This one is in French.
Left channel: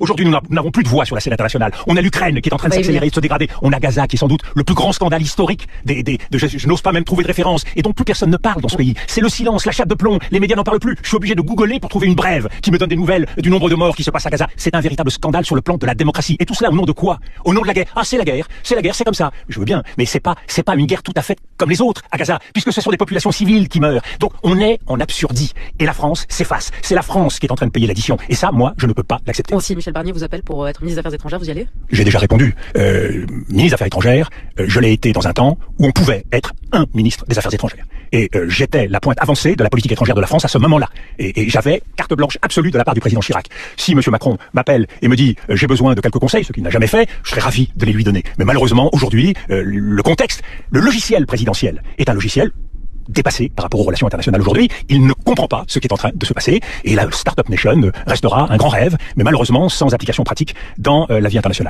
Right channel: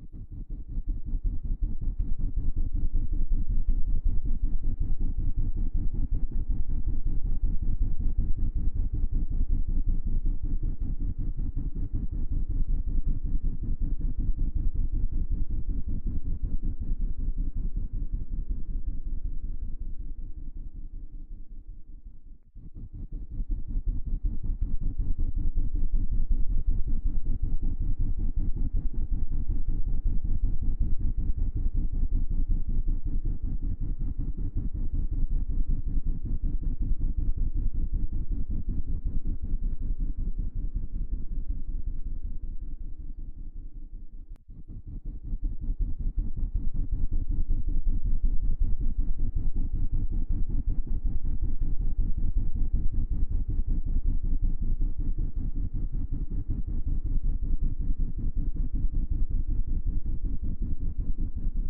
Aujourd'hui, nous n'avons plus de voix sur la scène internationale. On a l'Ukraine qui est en train de s'accélérer, de se dégrader. On a Gaza qui est sans doute le plus grand scandale historique je n'ose pas même trouver de référence et dont plus personne ne parle dans ce pays. C'est le silence, la chape de plomb. Les médias n'en parlent plus. Je suis obligé de googler pour trouver une brève qui me donne des nouvelles du nombre de morts qui se passe à Gaza. C'est un véritable scandale sur le plan de la démocratie. Et tout cela au nom de quoi? Au nom de la guerre. Ah, c'est la guerre, c'est comme ça. Je veux bien, mais c'est pas une guerre tout à fait comme les autres à Gaza, puisque ce sont des populations civiles qui meurent. Donc on est en absurdie. Et la France s'efface. C'est la France qui est en train de payer l'addition. Et ça, moi, je ne peux pas l'accepter. Si Michel Barnier vous appelle pour être ministre des Affaires étrangères, vous y allez? J'ai déjà répondu. Ministre des Affaires étrangères, je l'ai été dans un temps où on pouvait être un ministre des Affaires étrangères. Et j'étais la pointe avancée de la politique étrangère de la France à ce moment-là. Et j'avais carte blanche absolue de la part du président Chirac. Si M. Macron m'appelle et me dit j'ai besoin de quelques conseils, ce qu'il n'a jamais fait, je serais ravi de les lui donner. Mais malheureusement, aujourd'hui, le contexte, le logiciel présidentiel est un logiciel dépassé par rapport aux relations internationales aujourd'hui. Il ne comprend pas ce qui est en train de se passer et la Startup Nation restera un grand rêve, mais malheureusement sans application pratique dans la vie internationale.